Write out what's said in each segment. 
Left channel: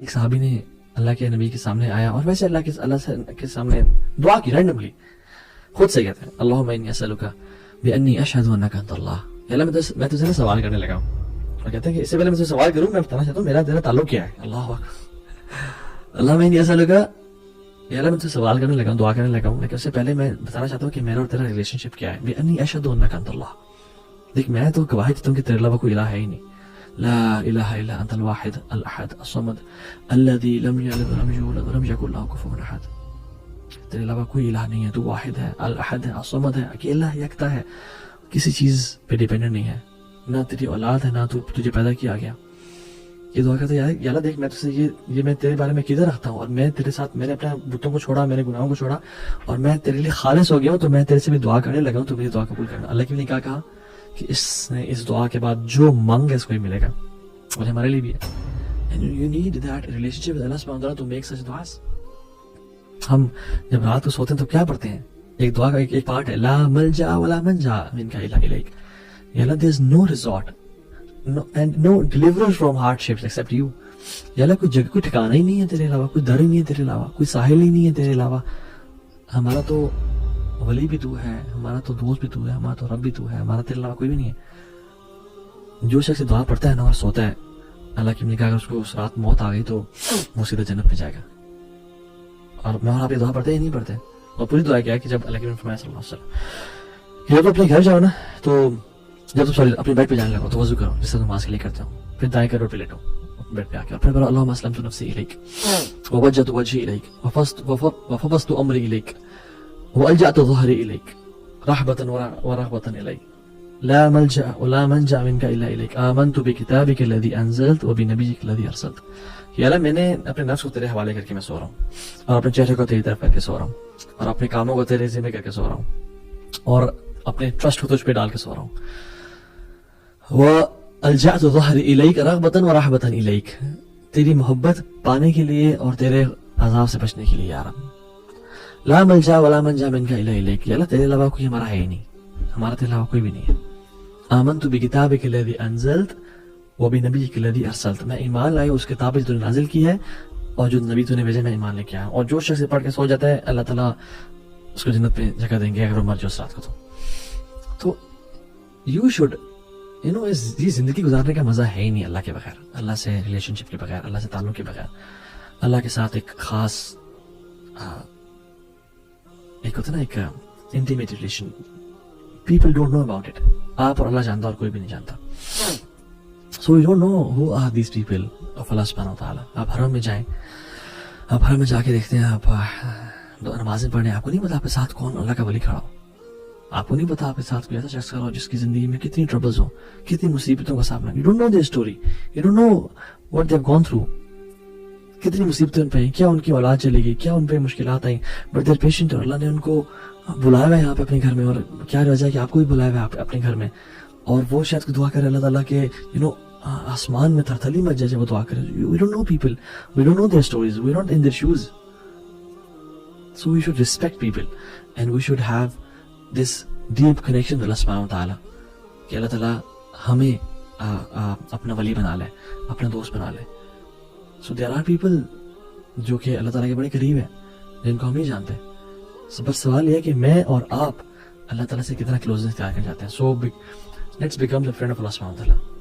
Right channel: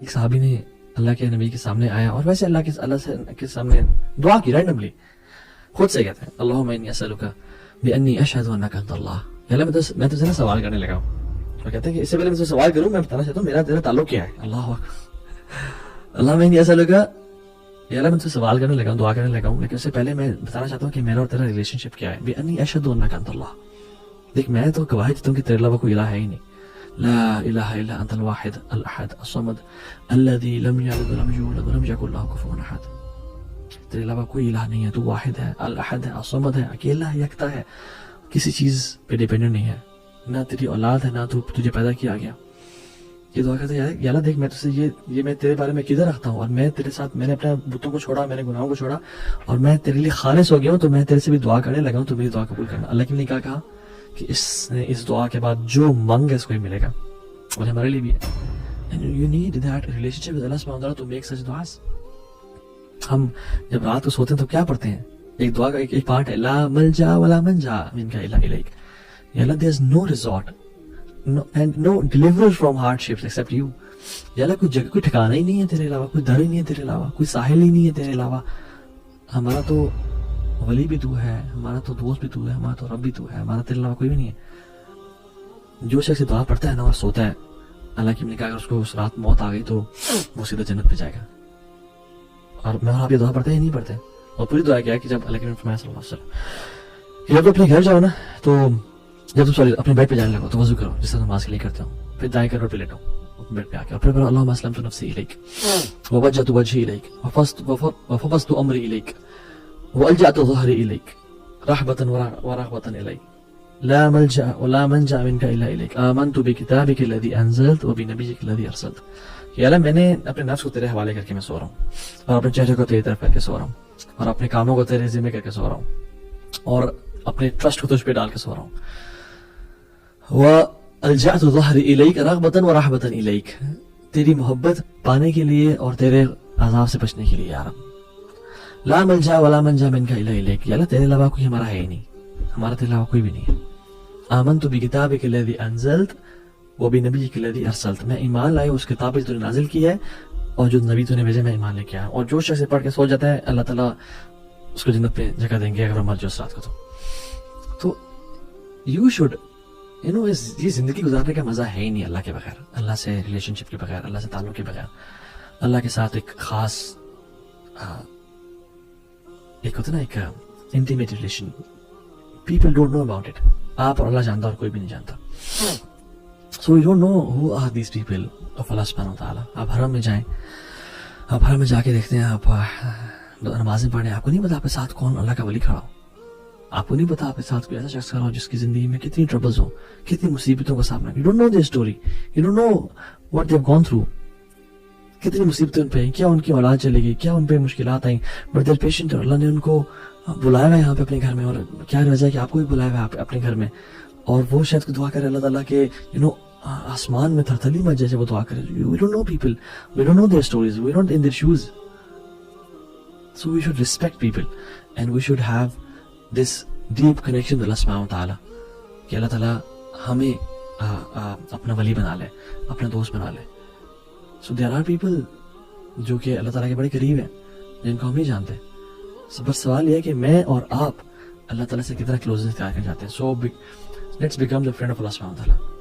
ایک صحابی نے اللہ کے نبی کے سامنے آیا اور ویسے اللہ کے سامنے دعا کی رینڈملی، خود سے کہتے ہیں اللہم انی اسألک بانی اشہد انک انت اللہ، اللہ میں تجھے سوال کرنے لگا ہوں، اور کہتے ہیں کہ اس سے پہلے میں تجھے سوال کروں میں بتانا چاہتا ہوں میرا تیرا تعلق کیا ہے. اللہ اللہم انی اسألک، اللہ میں تجھے سوال کرنے لگا ہوں، دعا کرنے لگا ہوں، لیکن اس سے پہلے میں بتانا چاہتا ہوں کہ میرا اور تیرا ریلیشن شپ کیا ہے. بانی اشہد انک انت اللہ، دیکھ میں تو گواہی دیتا ہوں کہ تیرے علاوہ کوئی الہ ہے ہی نہیں. لا الہ الا انت الواحد الاحد الصمد الذي لم یلد ولم یولد ولم یکن له کفوا احد. تیرے علاوہ کوئی الہ نہیں ہے، تو واحد ہے، الاحد ہے، الصمد ہے، اکیلا ہے، یکتا ہے، کسی چیز پہ ڈیپینڈنٹ نہیں ہے، نہ تیری اولاد ہے، نہ تو تجھے پیدا کیا گیا. یہ دعا کرتے ہیں یا اللہ دیکھ میں تجھے یہ میں تیرے بارے میں کدھر رکھتا ہوں، اور میں تیرے ساتھ میں نے اپنے بتوں کو چھوڑا، میں نے گناہوں کو چھوڑا، اور میں تیرے لیے خالص ہو گیا ہوں، تو میں تیرے سے بھی دعا کرنے لگا ہوں، تو میری دعا قبول کرنا. اللہ کے لیے کیا کہا کہ اس نے اس دعا کے بعد جو مانگے اس کو ہی ملے گا، اور ہمارے لیے بھی ہے. And you need that relationship with Allah subhanahu wa ta'ala to make such du'as. ہم جب رات کو سوتے ہیں تو کیا پڑھتے ہیں؟ ایک دعا کا ایک پارٹ ہے لا ملجا ولا منجا منک الا الیک. یا اللہ there is no resort and no deliverer from hardships except you. یا اللہ کوئی جگہ، کوئی ٹھکانہ ہی نہیں ہے تیرے علاوہ، کوئی در ہی نہیں ہے تیرے علاوہ، کوئی ساحل ہی نہیں ہے تیرے علاوہ. ہمارا تو ولی بھی تو ہے، ہمارا تو دوست بھی تو ہے، ہمارا تو رب بھی تو ہے، ہمارا تیرے علاوہ کوئی بھی نہیں ہے. جو شخص دعا پڑھتا ہے نا اور سوتا ہے، اللہ کی نے کہا اگر اس کو اس رات موت آ گئی تو وہ سیدھا جنت پہ جائے گا. اور میں اور آپ یہ دعا پڑھتے ہی نہیں پڑھتے. اور پوری دعا کیا کہ جب اللہ کے فرمایا صلی اللہ علیہ وسلم جب اپنے گھر جاؤ نا، تو جب تم اپنے بیڈ پہ جانے لگو تو وضو کرو جس سے نماز کے لیے کرتے ہو، پھر دائیں کرو پہ لیٹو بیڈ پہ آ کے، پھر بولو اللہم اسلمت نفسی الیک ووجہت وجہی الیک وفوضت امری الیک والجأت ظہری الیک رحبۃ ورغبۃ الیک لا ملجأ ولا منجا منک الا الیک آمنت بکتابک الذی انزلت وبنبیک الذی ارسلت. کہ اللہ میں نے اپنے نفس کو تیرے حوالے کر کے میں سو رہا ہوں، اور اپنے چہرے کو تیری طرف کر کے سو رہا ہوں، اور اپنے کاموں کو تیرے ذمہ کر کے سو رہا ہوں، اور اپنے ٹرسٹ کو تجھ پہ ڈال کے سو رہا ہوں. وَأَلْجَأْتُ ظَهْرِ إِلَيْكَ رَغْبَةً وَرَحْبَةً إِلَيْكَ، تیری محبت پانے کے لیے اور تیرے عذاب سے بچنے کے لیے. یا رب لا ملجا ولا منجا منک الا الیک، یا اللہ تیرے علاوہ کوئی ہمارا ہے ہی نہیں، ہمارا تیرے علاوہ کوئی بھی نہیں ہے. آمنت بکتابک الذی انزلت وبنبیک الذی ارسلت، میں ایمان لایا اس کتاب پہ جو نے نازل کی ہے اور جو نبی تو نے بھیجا، میں ایمان لے کے آیا. اور جو شخص پڑھ کے سو جاتا ہے اللہ تعالیٰ اس کو جنت پہ جگہ دیں گے اگر وہ مر جائے اس رات کو. تو یو شوڈ یہ زندگی گزارنے کا مزہ ہے ہی نہیں اللہ کے بغیر، اللہ سے ریلیشن شپ کے بغیر، اللہ سے تعلق کے بغیر، اللہ کے ساتھ ایک خاص ایک ہوتا نا ایک intimate relation. People don't know about it, آپ اور اللہ جانتا اور کوئی بھی نہیں جانتا. So you don't know who are these people of اللہ سبحانہ وتعالی. آپ حرم میں جائیں، آپ حرم میں جا کے دیکھتے ہیں، آپ نمازیں پڑھیں، آپ کو نہیں پتا آپ کے ساتھ کون اللہ کا ولی کھڑا ہو، آپ کو نہیں پتا آپ کے ساتھ کوئی ایسا شخص کھڑا ہو جس کی زندگی میں کتنی ٹربلز ہو، کتنی مصیبتوں کا سامنا. You don't know the story, you don't know what they have gone through, کتنی مصیبتیں ان پہ ہیں، کیا ان کی اولاد چلے گئی، کیا ان پہ مشکلات آئیں، بٹ دیر پیشنٹ. اور اللہ نے ان کو بلایا ہوا ہے یہاں پہ اپنے گھر میں، اور کیا وجہ ہے کہ آپ کو بھی بلایا ہوا ہے اپنے گھر میں. اور وہ شاید کو دعا کرے اللہ تعالیٰ کے آسمان میں تھرتھلی مچ جائے جب وہ دعا کرے. We don't know people, we don't know their stories, we don't in their shows. So we should respect people and we should have this deep connection اللہ سبحانہ وتعالی کہ اللہ تعالیٰ ہمیں اپنا ولی بنا لے، اپنا دوست بنا لے. سو دیر آر پیپل جو کہ اللہ تعالیٰ کے بڑے قریب ہیں جن کو ہم نہیں جانتے. بس سوال یہ ہے کہ میں اور آپ اللہ تعالیٰ سے کتنا کلوزنس اختیار کر جاتے ہیں. So let's become the friend of اللہ سبحانہ وتعالی.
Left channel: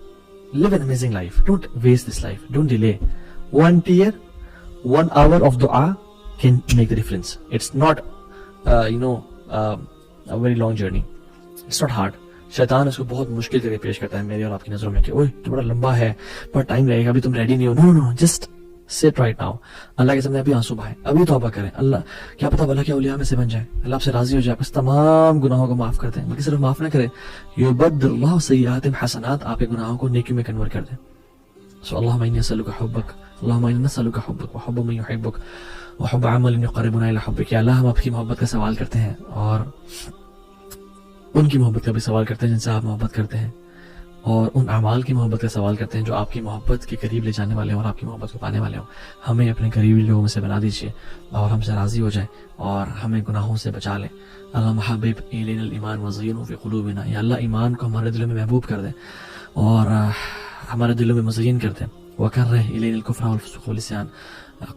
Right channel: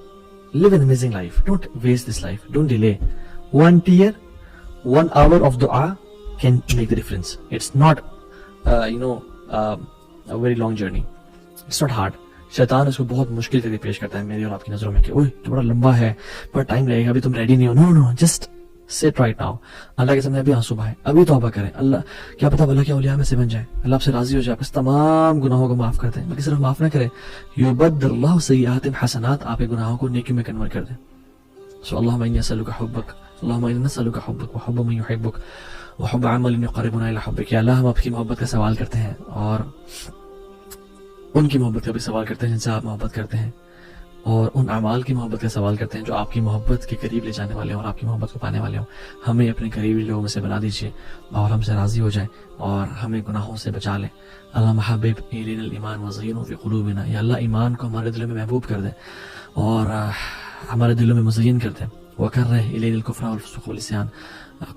Live an amazing life. Don't waste this life. Don't delay. 1 tear, 1 hour of dua can make the difference. It's not, a very long journey. It's not hard. شیطان اس کو بہت مشکل کر کے پیش کرتا ہے میری اور آپ کی نظروں میں کہ اوہ تو بڑا لمبا ہے، بڑا ٹائم لگے گا، ابھی تم ریڈی نہیں ہو. No just sit right now. اللہ کے سامنے ابھی آنسو بہائیں، ابھی توبہ کریں. اللہ کیا پتا بھلا کیا اولیاء میں سے بن جائے، اللہ آپ سے راضی ہو جائے، بس تمام گناہوں کو معاف کر دیں. بلکہ صرف معاف نہ کرے، یبدل اللہ سیئات حسنات، آپ کے گناہوں کو نیکی میں کنورٹ کر دیں. سو اللہم انی اسألک حبک، اللہم انی نسألک حبک وحب من یحبک وحب عمل یقربنا الی حبک. یا اللہ ہم آپ کی محبت کا سوال کرتے ہیں اور ان کی محبت کا بھی سوال کرتے ہیں جن سے آپ محبت کرتے ہیں، اور ان اعمال کی محبت کا سوال کرتے ہیں جو آپ کی محبت کے قریب لے جانے والے ہوں اور آپ کی محبت کو پانے والے ہوں. ہمیں اپنے قریبی لوگوں میں سے بنا دیجیے اور ہم سے راضی ہو جائیں اور ہمیں گناہوں سے بچا لیں. اللہم حبب الینا الایمان وزینہ فی قلوبنا. یا اللہ ایمان کو ہمارے دلوں میں محبوب کر دیں اور ہمارے دلوں میں مزین کر دیں. وکرہ الینا الکفر والفسوق والعصیان،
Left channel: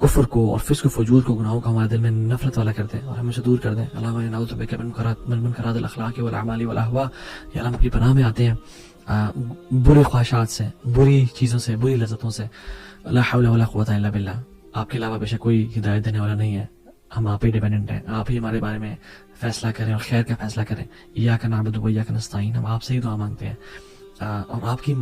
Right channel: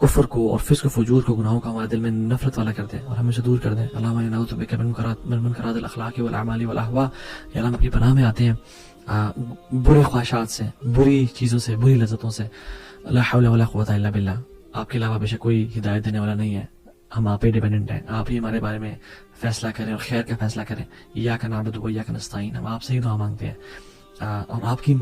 کفر کو اور فسق و فجور کو، گناہوں کو ہمارے دل میں نفرت والا کر دے اور ہمیں سے دور کر دے. اللہم انا نعوذ بک من منکرات الاخلاق والاعمال والاہواء. یا اللہ ہم اپنی پناہ میں آتے ہیں برے خواہشات سے، بری چیزوں سے، بری لذتوں سے. لا حول ولا قوت الا باللہ. آپ کے علاوہ بے شک کوئی ہدایت دینے والا نہیں ہے، ہم آپ ہی ڈیپینڈنٹ ہیں. آپ ہی ہمارے بارے میں فیصلہ کریں اور خیر کا فیصلہ کریں. ایاک نعبد و ایاک نستعین. ہم آپ سے ہی دعا مانگتے ہیں اور آپ کی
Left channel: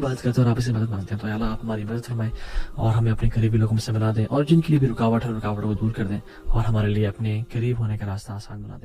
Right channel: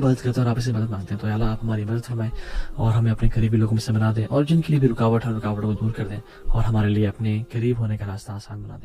مدد کرتے ہیں اور آپ سے مدد مانگتے ہیں. تو یا اللہ آپ ہماری مدد فرمائیں اور ہمیں اپنے قریبی لوگوں سے بنا دیں، اور جن کے لیے بھی رکاوٹ ہے رکاوٹوں کو دور کر دیں، اور ہمارے لیے اپنے قریب ہونے کا راستہ آسان بنا دیں.